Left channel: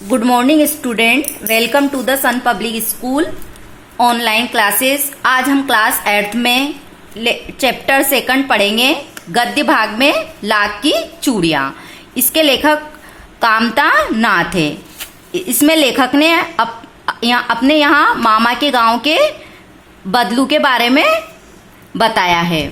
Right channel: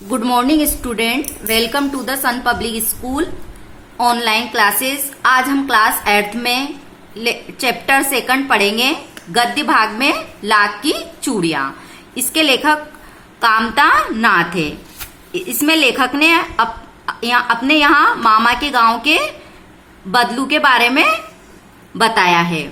Good morning student, welcome to the Sun public school online classes. आज हम class 8th में chapter 2 पढ़ेंगे, गद्य भाग में लाख की चूड़ियाँ। इसके लेखक कामता नाथ है। इसमें लेखक ने अपने यहाँ मामा के गांव के बदलू के बारे में बताया है।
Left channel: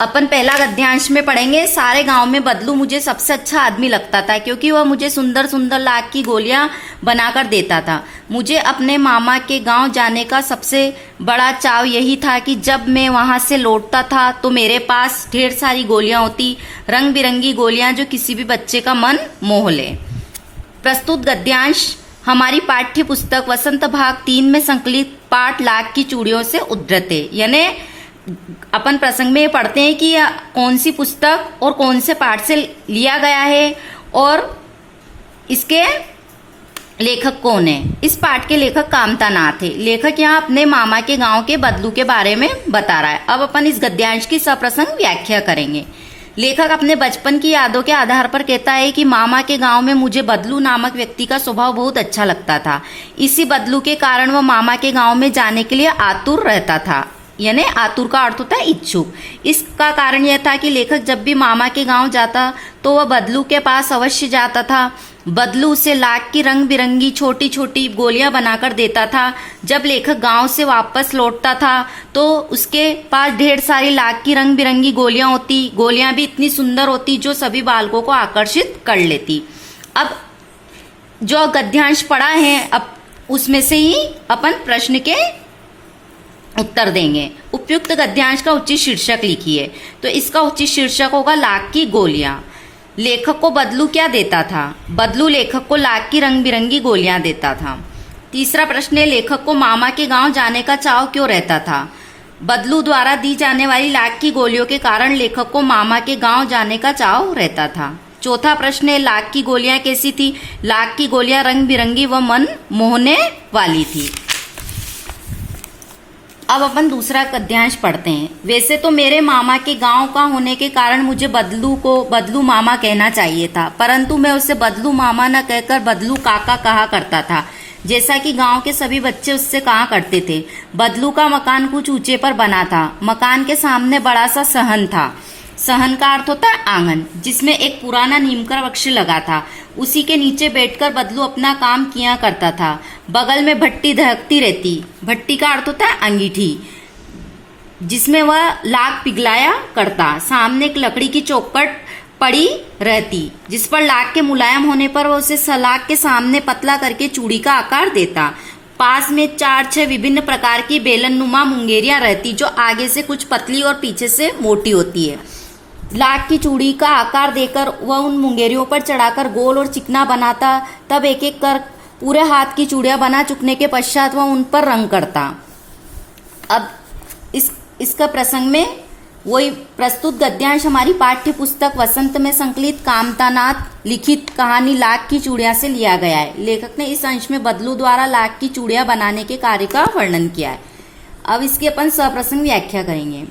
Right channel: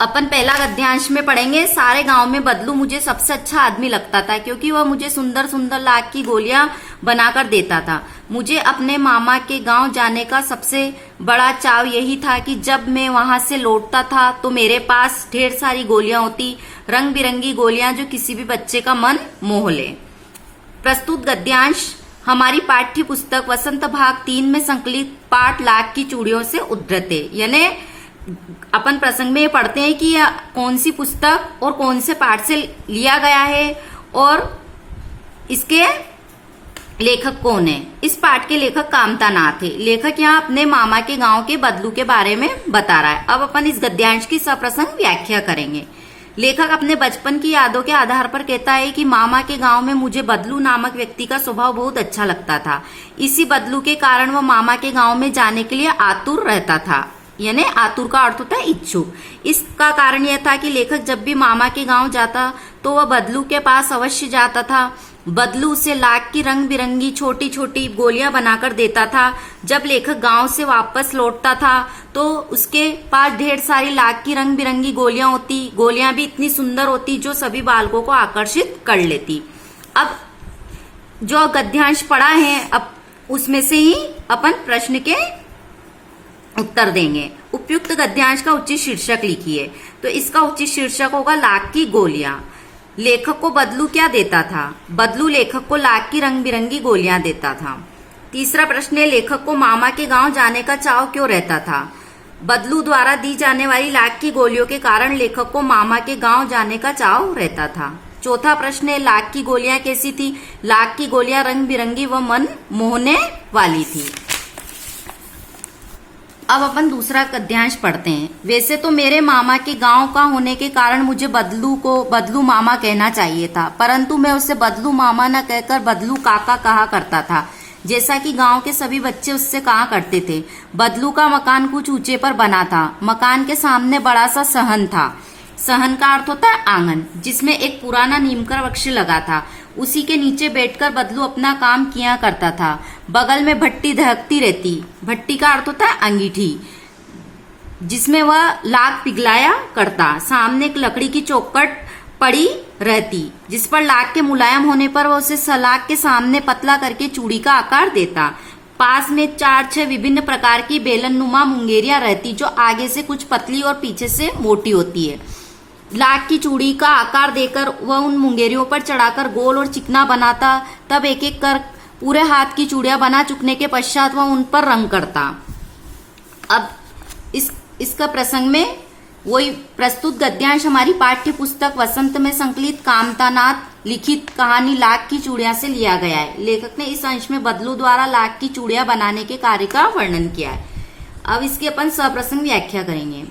अपन पहला गद्यांश में पढ़ेंगे। सारे गांव में बदलू मुझे सबसे अच्छा आदमी लगता था, क्योंकि वह मुझे सुंदर सुंदर लाख की गोलियां बनाकर देता था। मुझे अपने मामा के गांव जाने का सबसे बड़ा चाव यही था कि जब मैं वहां से लौटता था तो मेरे पास ढेर सारी गोलियां होती, रंग बिरंगी गोलियां जो किसी भी बच्चे का मन मोह ले। प्रस्तुत गद्यांश हमारी पाठ्य पुस्तक वसंत भाग 3 में संकलित पाठ लाख की चूड़ियों से उद्धृत है। यानी अपन प्रसंग में पढ़ते हैं कि कौन सी पुस्तक और कौन से पाठ से लिया गया है और इसके लेखक कौन है। इस पाठ के लेखक कामता नाथ है। लेखक यहाँ अपने मामा के गांव के बदलू के बारे में बता रहा है। अब अपन इस गद्यांश की सप्रसंग व्याख्या करेंगे। लेखक अपने बचपन की यादों के आधार पर कहता है कि मामा के गांव में मुझे बदलू नामक व्यक्ति का स्वभाव बहुत अच्छा लगता था। इसी बदलू के कारण वह मामा के गांव में जाने के लिए आतुर रहता था। यानी आतुर का अर्थ होता है इच्छुक। इसका कारण यह था कि लेखक जब भी मामा के गांव जाता तो वह बदलू के पास अवश्य जाता था। बदलू उसे लाख की रंग बिरंगी छोटी छोटी गोलियां बनाकर देता था। जब लेखक गांव से वापस लौटता था तो उसके पास ढेर सारी लाख की रंग बिरंगी गोलियां होती। गोलियां भी इतनी सुंदर होती जो सभी बालकों को आकर्षित कर लेती। अब जो गद्यांश पढ़ा है, अब उसमें से ही अपन प्रश्न के उत्तर देंगे। उपयुक्त गद्यांश का उचित शीर्षक लिखिए। तो इसका उचित शीर्षक होगा लाख की गोलियां। लेखक को बदलू क्या देता था? बदलू लेखक को लाख की रंग बिरंगी गोलियां देता था। तीसरा प्रश्न है, लेखक को मामा के गांव जाने का चाव क्यों रहता था? बदलू द्वारा दी जाने वाली लाख की गोलियों के कारण लेखक को मामा के गांव जाने का चाव रहता था। चौथा प्रश्न है, लाख की गोलियां कैसी थी? लाख की गोलियां रंग बिरंगी व मन मोहने वाली थी। अब अपन दूसरा गद्यांश पढ़ते हैं। वैसे तो मेरे मामा के गांव का होने के कारण मुझे बदलू को बदलू मामा कहना चाहिए था, परंतु मैं उसे बदलू मामा न कहकर बदलू काका कहा करता था, जैसा कि गांव के सभी बच्चे उससे कहा करते थे। बदलू का मकान कुछ ऊंचे पर बना था। मकान के सामने बड़ा सा सहन था। सहन का अर्थ होता है आंगन, जिसमें एक पुराना नीम का वृक्ष लगा था। उसी के नीचे बैठकर बदलू अपना काम किया करता था। बगल में भट्टी दहकती रहती। भट्टी का अर्थ होता है अंगीठी, जिसमें वह लाख पिघलाया करता। सामने एक लकड़ी की चौखट पड़ी रहती, जिस पर लाख के मुलायम होने पर वह उसे सलाख के सामने पतला करके चूड़ी का आकार देता। पास में 4-6 विभिन्न प्रकार की बेलननुमा मुंगेरियां रहती, जो आगे से कुछ पतली और पीछे से मोटी होती है। लाख की चूड़ी का आकार देकर वह उन मुंगेरियों पर चढ़ाकर गोल और चिकना बनाता। तब एक एक कर पूरे हाथ की चूड़ियां बना चुकने के पश्चात वह उन पर रंग करता। अब इसका प्रसंग में वही प्रस्तुत गद्यांश हमारी पाठ्य पुस्तक वसंत में संकलित कामता नाथ लिखित कहानी लाख की चूड़ियां से लिया गया है। लेखक ने इस अंश में बदलू द्वारा लाख की चूड़ियां बनाने के कार्य का वर्णन किया है। अब इसकी अपन सप्रसंग व्याख्या करेंगे।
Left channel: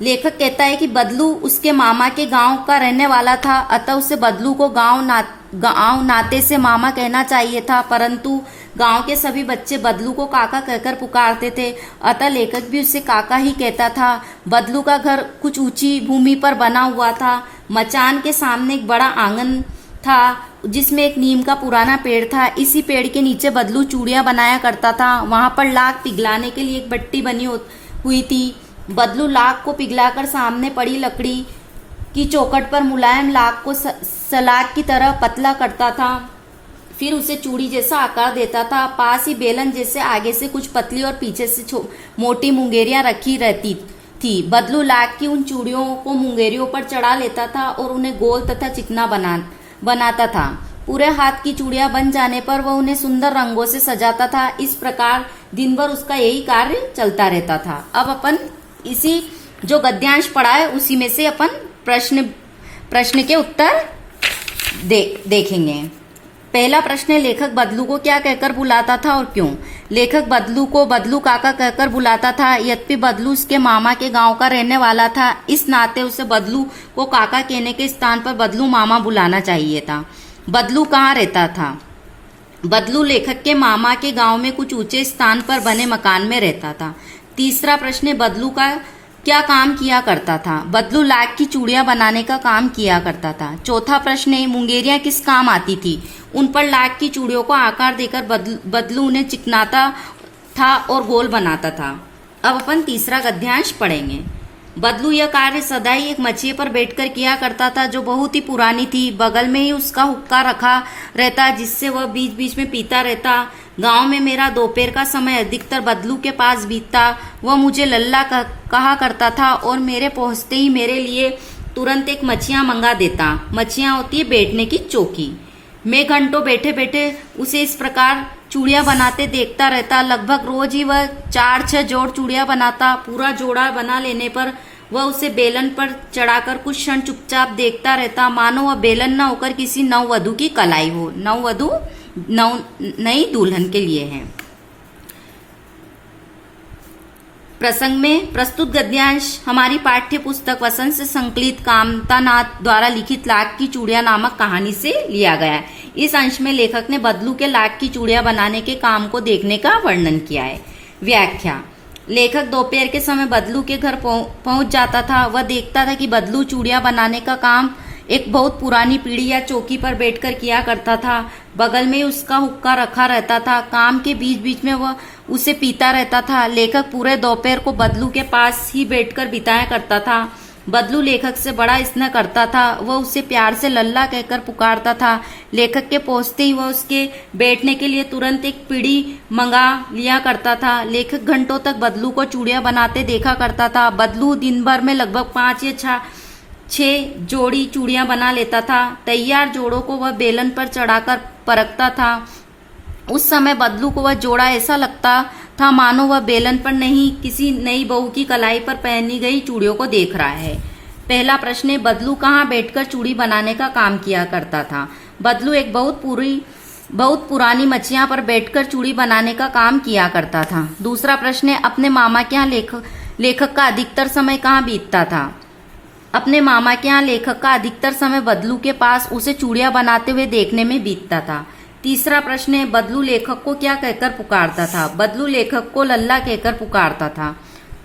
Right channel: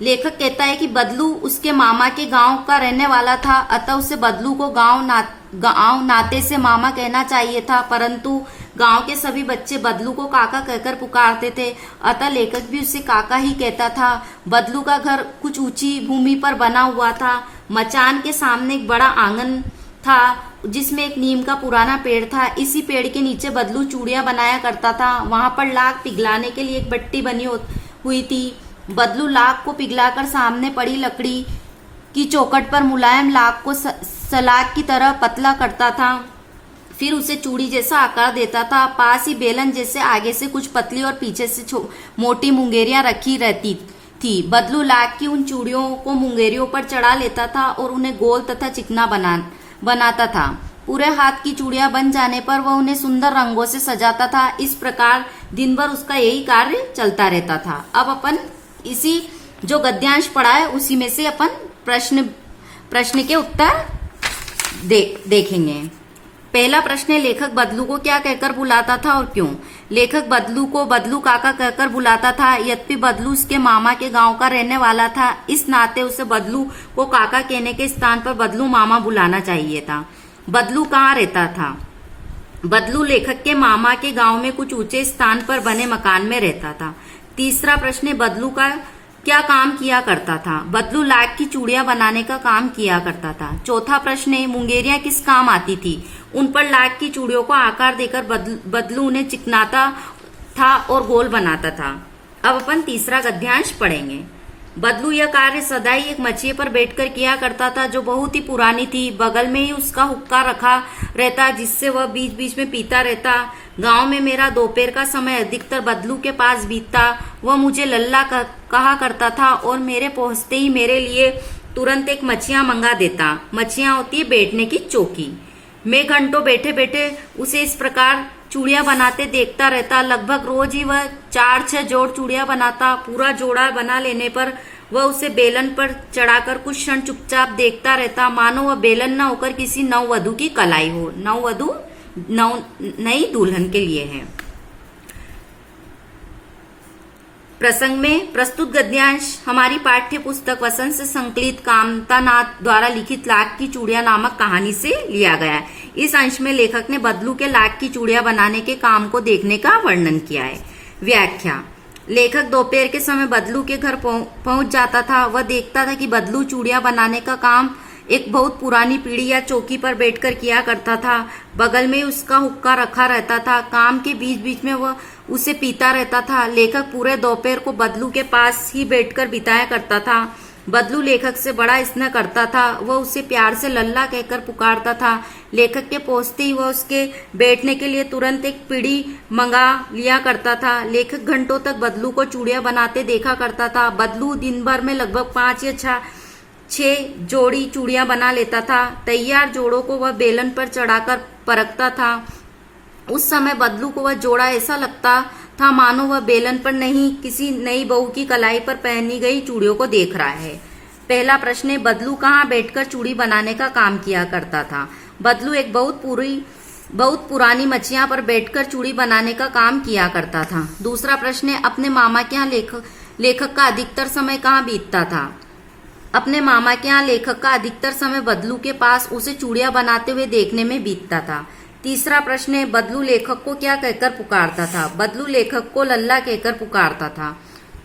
लेखक कहता है कि बदलू उसके मामा के गांव का रहने वाला था, अतः उसे बदलू को गांव नाते से मामा कहना चाहिए था, परंतु गांव के सभी बच्चे बदलू को काका कहकर पुकारते थे, अतः लेखक भी उसे काका ही कहता था। बदलू का घर कुछ ऊंची भूमि पर बना हुआ था। मचान के सामने एक बड़ा आंगन था, जिसमें एक नीम का पुराना पेड़ था। इसी पेड़ के नीचे बदलू चूड़ियां बनाया करता था। वहां पर लाख पिघलाने के लिए एक भट्टी बनी हुई थी। बदलू लाख को पिघलाकर सामने पड़ी लकड़ी की चौखट पर मुलायम लाख को सलाख की तरह पतला करता था, फिर उसे चूड़ी जैसा आकार देता था। पास ही बेलन जैसे आगे से कुछ पतली और पीछे से मोटी मुंगेरियां रखी रहती थी। बदलू लाख की उन चूड़ियों को मुंगेरियों पर चढ़ा लेता था और उन्हें गोल तथा चिकना बनाता था। पूरे हाथ की चूड़ियां बन जाने पर वह उन्हें सुंदर रंगों से सजाता था। इस प्रकार दिन भर उसका यही कार्य चलता रहता था। अब अपन इसी जो गद्यांश पढ़ा है उसी में से अपन प्रश्न के उत्तर देखेंगे। पहला प्रश्न है, लेखक बदलू को क्या कहकर बुलाता था और क्यों? लेखक बदलू को बदलू काका कहकर बुलाता था, यद्यपि बदलू उसके मामा के गांव का रहने वाला था। इस नाते उसे बदलू को काका कहने के स्थान पर बदलू मामा बुलाना चाहिए था। बदलू कहाँ रहता था? बदलू लेखक के मामा के गांव में कुछ ऊंचे स्थान पर बने मकान में रहता था। तीसरा प्रश्न है, बदलू का क्या काम किया करता था? बदलू लाख की चूड़ियां बनाने का काम किया करता था। चौथा प्रश्न है, मुंगेरियां किस काम आती थी? उन पर लाख की चूड़ियों को आकार देकर बदलू उन्हें चिकनाता था और गोल बनाता था। अब अपन तीसरा गद्यांश पढ़ेंगे। बदलू यह कार्य सदाई एक मचिए पर बैठकर किया करता था जो बहुत ही पुरानी थी। बगल में ही उसका हुक्का रखा रहता जिससे वह बीच बीच में पीता रहता। गांव में मेरा दोपहर का समय अधिकतर बदलू के पास बीतता। वह मुझे लल्ला कहा करता था और मेरे पहुंचते ही मेरे लिए तुरंत एक मछियां मंगा देता। मछियां होती है बैठने की चौकी। मैं घंटों बैठे बैठे उसे इस प्रकार चूड़ियां बनाते देखता रहता। लगभग रोज ही वह 4-6 जोड़ चूड़ियां बनाता। पूरा जोड़ा बना लेने पर वह उसे बेलन पर चढ़ाकर कुछ क्षण चुपचाप देखता रहता, मानो वह बेलन न होकर किसी नववधू की कलाई हो। नववधू नई दुल्हन के लिए है। प्रसंग में प्रस्तुत गद्यांश हमारी पाठ्य पुस्तक वसंत से संकलित कामतानाथ द्वारा लिखित लाख की चूड़ियां नामक कहानी से लिया गया है। इस अंश में लेखक ने बदलू के लाख की चूड़ियां बनाने के काम को देखने का वर्णन किया है। व्याख्या। लेखक दोपहर के समय बदलू के घर पहुंच जाता था। वह देखता था कि बदलू चूड़ियां बनाने का काम एक बहुत पुरानी पीढ़ी या चौकी पर बैठकर किया करता था। बगल में उसका हुक्का रखा रहता था। काम के बीच बीच में वह उसे पीता रहता था। लेखक पूरे दोपहर को बदलू के पास ही बैठकर बिताया करता था। बदलू लेखक से बड़ा स्नेह करता था। वह उसे प्यार से लल्ला कहकर पुकारता था। लेखक के पहुंचते ही वह उसके बैठने के लिए तुरंत एक पीढ़ी मंगा लिया करता था। लेखक घंटों तक बदलू को चूड़ियां बनाते देखा करता था। बदलू दिन भर में लगभग 5 या 6 जोड़ी चूड़ियां बना लेता था। तैयार जोड़ों को वह बेलन पर चढ़ाकर परखता था। उस समय बदलू को वह जोड़ा ऐसा लगता था मानो वह बेलन पर नहीं किसी नई बहू की कलाई पर पहनी गई चूड़ियों को देख रहा है। पहला प्रश्न है, बदलू कहाँ बैठकर चूड़ी बनाने का काम किया करता था? बदलू एक बहुत पुरानी मचिया पर बैठकर चूड़ी बनाने का काम किया करता था। दूसरा प्रश्न है, अपने मामा के यहाँ लेखक का अधिकतर समय कहाँ बीतता था? अपने मामा के यहाँ लेखक का अधिकतर समय बदलू के पास उसे चूड़ियां बनाते हुए देखने में बीतता था। तीसरा प्रश्न है, बदलू लेखक को क्या कहकर पुकारता था? बदलू लेखक को लल्ला कहकर पुकारता था।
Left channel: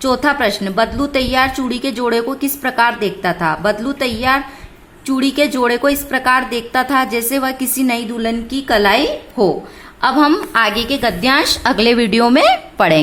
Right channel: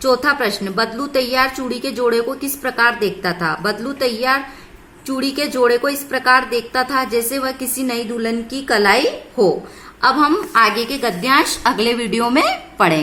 चौथा प्रश्न, बदलू तैयार चूड़ी के जोड़े को किस प्रकार देखता था? बदलू तैयार चूड़ी के जोड़े को इस प्रकार देखता था जैसे वह किसी नई दुल्हन की कलाई हो। अब हम आगे के गद्यांश अगले वीडियो में पढ़ेंगे।